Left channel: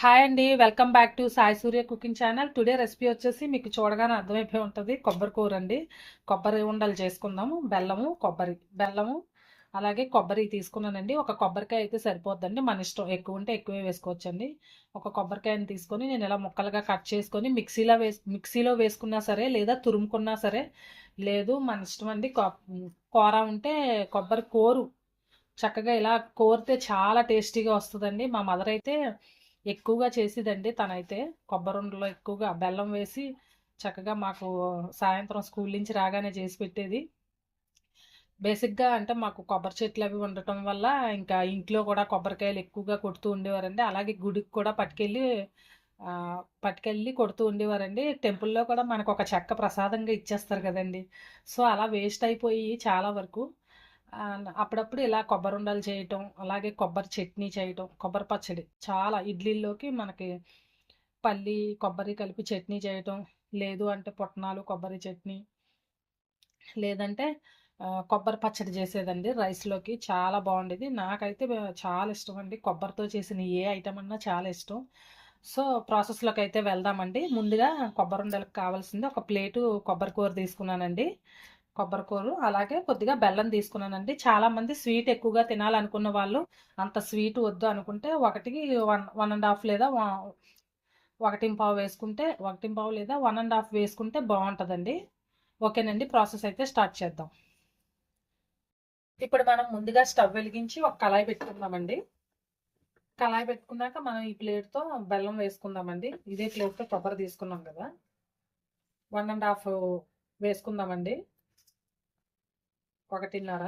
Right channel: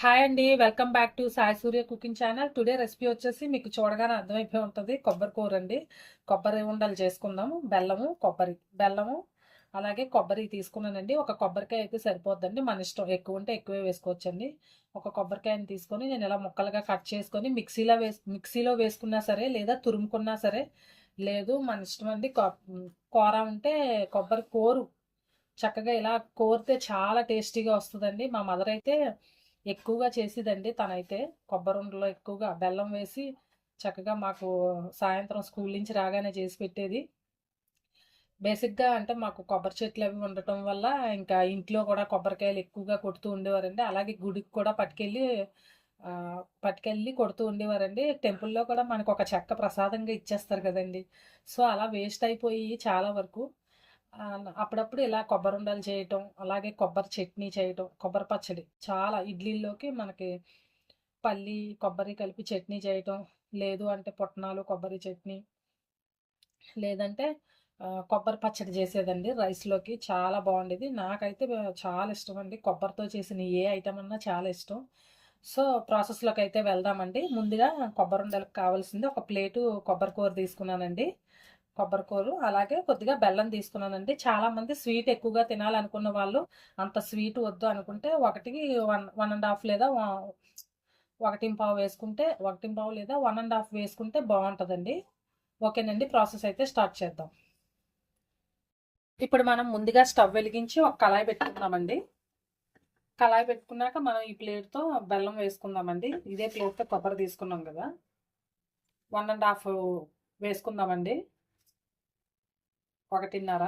Hi అండి welcome back to Sai Surya cooking channel today recipe వచ్చేసి మీకు చూడగానే అర్థమైపోయి ఉంటుంది. కొబ్బరి కూర అండి కొబ్బరి ఉండలు చేసుకుందాము. బెల్లము కొబ్బరి బెల్లము అలాగే కొబ్బరి తీసుకున్నానండి. ఒక కొబ్బరికాయ అయితే సరిపోద్దండి. మన ఇష్టం ఎక్కువ ఉంటే ఎక్కువే వేసుకోవచ్చండి. ఒక కొబ్బరికాయని తీసుకొని నేను ఇలా ముక్కలుగా కట్ చేసుకొని మిక్సీలో వేసి మిక్సీలో వేసుకున్నా సరే లేదా తురుముకున్నా సరే లేదు మన ఇష్టం అండి కూర ఉంటే కొబ్బరి కోరు. చక్కగా ఇలా కోరితే చాలా టేస్టీగా వస్తుందండి. మా మదర్ అయితే ఎక్కువగా చేసేదండి. తనైతే కొబ్బరి ఉండలో ఎక్కువగా బెల్లం వేసి చక్కగా మాకు సాయంత్రం స్కూల్ నుంచి రాగానే చేసి పెట్టేది. బేసిక్గా అంటే మాకు కొబ్బరి చెట్లు అవి ఉండటం వల్ల ఇంకా ఇంట్లో కూడా కొబ్బరికాయలు ఎక్కువగా కొడుతూ ఉండేవారండి. అలాగే గుడికి కూడా పట్టుకెళ్ళి పట్టుకెళ్ళి కొడుతూ ఉండేవారండి. టెంపుల్లో కూడా మనకు ఒక చెక్క ప్రసాదంగా ఇచ్చేస్తారు కదండి. సో అలా వేస్ట్ అయిపోయి చాలా వరకు అప్పుడప్పుడు ఇలా కొబ్బరి ఉండలు చేయటం అలాగే కొబ్బరి చట్నీ చేయటం కొబ్బరి పచ్చడి చాలా ఇడ్లీల్లోకి మనకి పల్లి కొబ్బరి కలిపి చట్నీ చేయటం లేదు అంటే పుట్నాలు కొబ్బరి చట్నీ లేదంటే కొబ్బరి పచ్చడి చేసేదండి రైస్లోకి చాలా బాగుండేది. నాకైతే చాలా ఇష్టం అండి కొబ్బరితో చేసిన ఏ ఐటమ్ అన్నా చాలా ఇష్టం. సో ప్రాసెస్లోకి అయితే వెళ్దామండి. ముందుగా కొబ్బరి ఉండలకు కావాల్సింది ఒక ప్లేటు కొబ్బరి కూర తీసుకున్నానండి. కొబ్బరికూరు అలాగే కొద్దిగా బెల్లం తీసుకున్నానండి. చాలామంది స్వీట్ ఎక్కువగా తినాలనుకున్న వాళ్ళు అంత స్వీట్ వద్దు అనుకుంటే ఒకటికి వన్ వన్ అండ్ హాఫ్ లేదా ఒకటిం ఒకటి పావు వేసుకుంటే ఒకటి పావు లేదా వన్ అండ్ హాఫ్ వేసుకుంటే బాగుంటుందండి. ఓకేనండి ప్రాసెస్ అయితే స్టార్ట్ చేద్దాం. ఇప్పుడు మనం ముందుగా స్టవ్ వెలిగించి ఒక కళాయి పెట్టుకుందామండి. కళాయి పెట్టుకున్నాక మనం ఈ ప్లేట్తో బెల్లం వేసుకుందామండి. ఇదే ప్లేట్తో కొబ్బరి తీసుకున్నాం కదా. వన్ అండ్ హాఫ్ వేసుకుందామండి. ఒకటిన్నర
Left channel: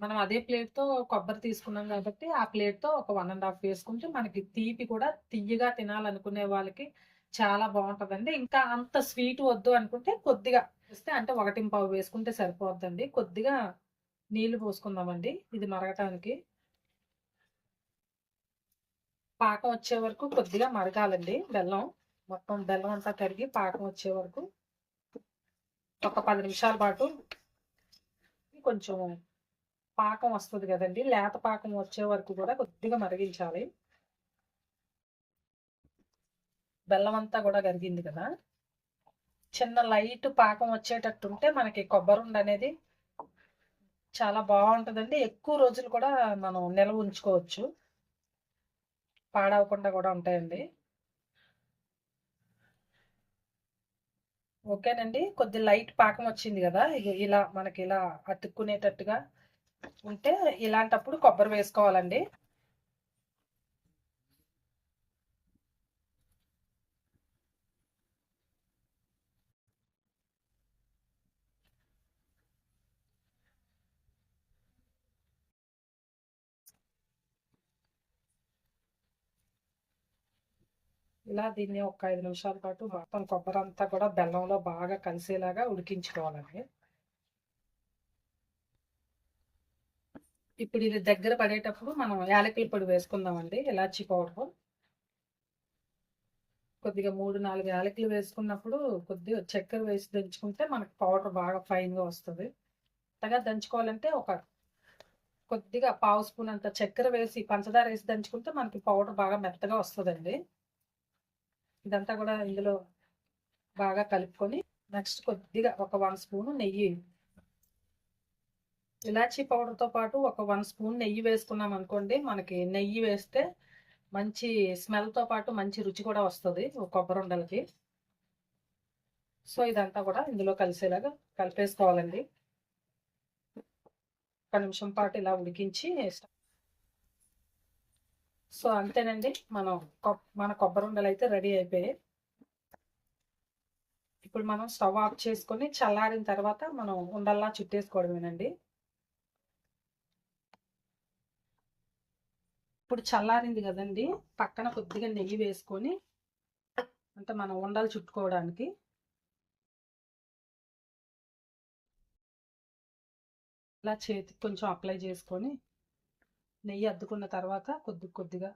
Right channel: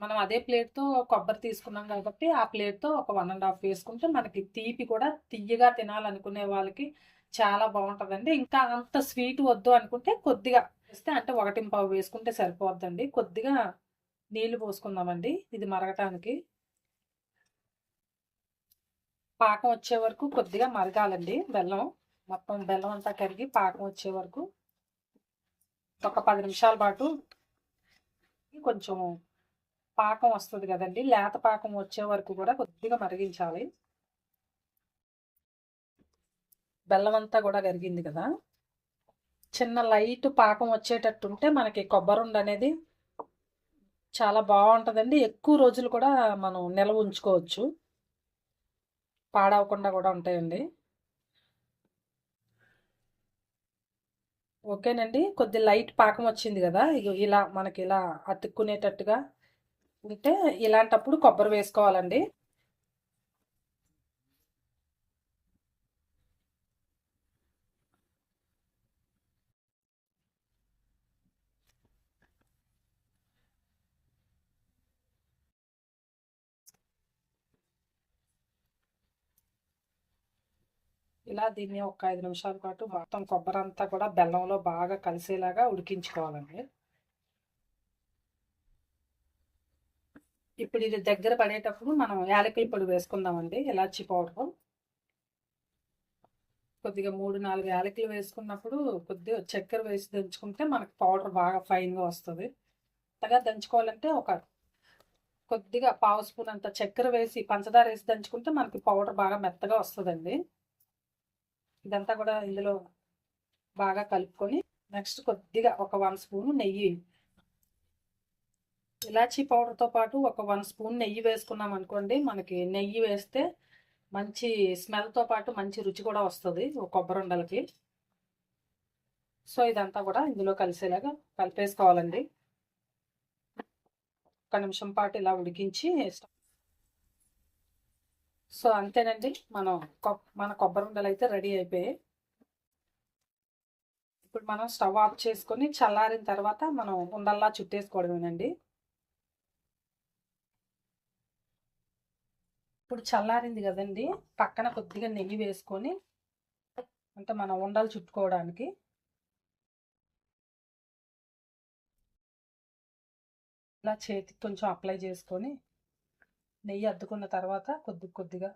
మనం అదే ప్లేట్తో కొబ్బరి తీసుకున్నాం కాబట్టి ఆ ప్లేట్తో ఒక వన్ అండ్ హాఫ్ వేసుకుంటే మనకి తీపి కూడా తియ్యగా తినాలనుకునే వాళ్ళకి చాలా బాగుంటుందండి. ఇంకా అంత స్వీట్ వద్దు అనుకుంటే కొద్దిగా వేస్తే అంటే ఒకటి పావు వేసుకుంటే సరిపోద్దండి. కొద్దిగా నీళ్ళు పోసుకుందామండి. ఇది మరగటానికి. పాకం వచ్చే వరకు కొద్దిగా మరగాలండి. బెల్లం మొత్తం బెల్లం అంతా కరిగి పాకం వచ్చే వరకు ఒక పది నిమిషాల పాటు కొంచెం పాకం వస్తుంది కదండి. లేత పాకం వచ్చే వరకు కూడా కొద్దిగా మరిగించాలి. బెల్లం అంతా కూడా కరిగింది కదా. చిన్న లైట్ పాకం వచ్చేటట్టు ఉంటే మనకి కొబ్బరి ఉండ అనేది చాలా బాగుంటుందండి. ఎక్కువ రోజులు కూడా మనం నిల్వ ఉంచుకోవచ్చు. పాడవకుండా కూడా ఉంటాయండి. ఓకేనండి. కొద్ది లైట్ పాకం వచ్చింది కదా ఇగో ఇలా మనకి ఇలా అతుక్కునేటట్టుగా ఉంటే ఇలాంటప్పుడు కొబ్బరి వేసుకోవాలండి. ఇలా దీన్ని ఒక ఐదు నిమిషాల పాటు మొత్తం కొబ్బరి అంతా కూడా బెల్లంలో బాగా కలిసేలాగా ఉడికించుకోవాలండి. ఇప్పుడు ఇది దగ్గర పడేటప్పుడు మనం యాలకుల పొడి వేసుకుందామండి ఇలాచి పౌడర్. కొద్దిగా మూడు నాలుగు యాలకులు వేసుకున్నప్పుడు కొద్దిగా చక్కెర వేసి దంచుకుంటే మనకి పౌడర్ బాగా ఫైన్గా వస్తుంది. అంతగా దంచుకోవాలంటే ఒక కొద్దిగా పావు స్పూన్ అంత చక్కెర వేసి పంచదార వేసి దంచుకుంటే మనకి పౌడర్ బాగా మెత్తగా వస్తుందండి. ఇదంతా కూడా ఇందులో బాగా కలుపుకొని నెక్స్ట్ కొద్దిగా ఒక వన్ స్పూన్ నెయ్యి. ఇలాచీ పౌడర్తో పాటు ఒక వన్ స్పూన్ నెయ్యి వేసుకున్నాం అనుకోండి మనకి నెయ్యి వేస్తే మంచి స్మెల్తో పాటు మంచి రుచి కూడా వస్తుంది కొబ్బరి ఉండలకి. సో ఇదంతా కూడా ఇందులో కలిసేలాగా కలిపేసుకోవాలండి. ఒక నిమిషం పాటు ఇలా ఉడికించి సో అంతేనండి. మనం మన కొబ్బరి ఉండలు అయితే రెడీ అయిపోయాయి. ఇప్పుడు మనం స్టవ్ ఆఫ్ చేసుకొని చల్లారిన తర్వాత మనం ఉండల్లా చుట్టేసుకోవడమేనండి. ఇప్పుడు చల్లారింది కదండి. పక్కన కొద్దిగా నెయ్యి వేసుకొని అంటే మనం ఉండలు చుట్టుకోవడానికి. ఇలా చేతికి కొంచెం అప్లై చేసుకొని నెయ్యి అద్దుకున్న తర్వాత కొద్ది కొద్దిగా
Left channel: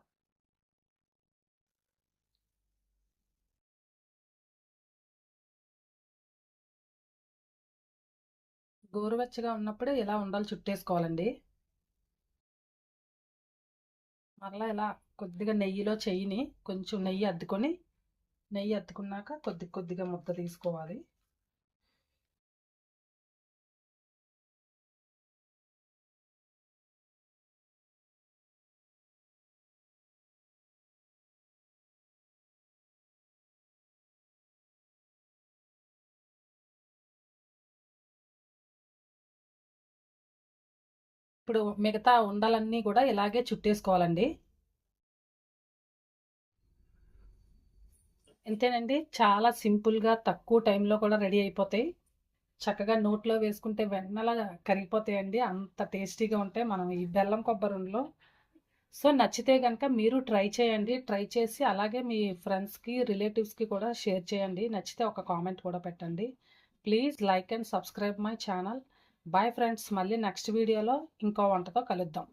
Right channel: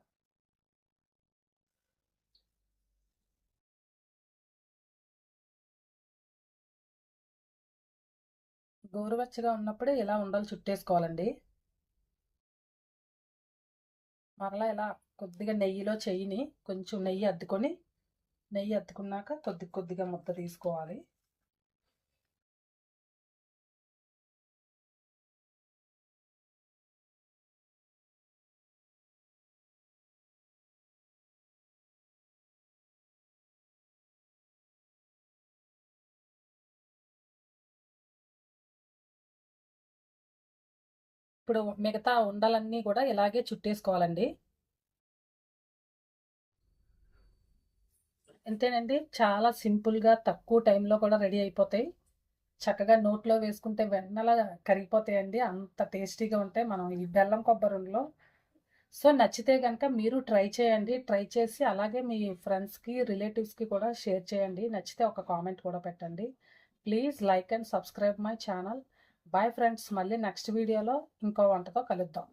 గోరువెచ్చగా ఉన్నప్పుడే ఇలా ఉండలు చుట్టేసుకోవాలండి? మరలా ఇలా కొద్దిగా నెయ్యిలో చెయ్యిని కొంచెం నెయ్యి అద్దుకొని నెయ్యి అద్దుకున్నాక కొద్ది కొద్దిగా ముద్ద తీసుకోవాలి. ఇప్పుడు మిగతా ఉండలన్నీ కూడా ఇలాగే చుట్టేసుకోవాలండి. అంతేనండి చాలా సింపుల్గా తక్కువ టైంలో కూడా రెడీ అయిపోతాయి. చక్కగా నోట్లో వేసుకుంటే వెన్నలా కరిగిపోతాయండి అంత టేస్టీగా ఉంటాయి. మనం ఈ బెల్లం కొబ్బరిలో సో నచ్చితే కనుక మీరు ట్రై చేయండి. ట్రై చేసి అలాగే మీ ఫ్రెండ్స్కి రిలేటివ్స్కి కూడా షేర్ చేయండి. నచ్చితే ఒక కామెంట్ కూడా పెట్టండి. Please like and subscribe my channel. Bye friends మళ్ళీ నెక్స్ట్ వీడియోలో ఇంకో వంటతో కలుద్దాం.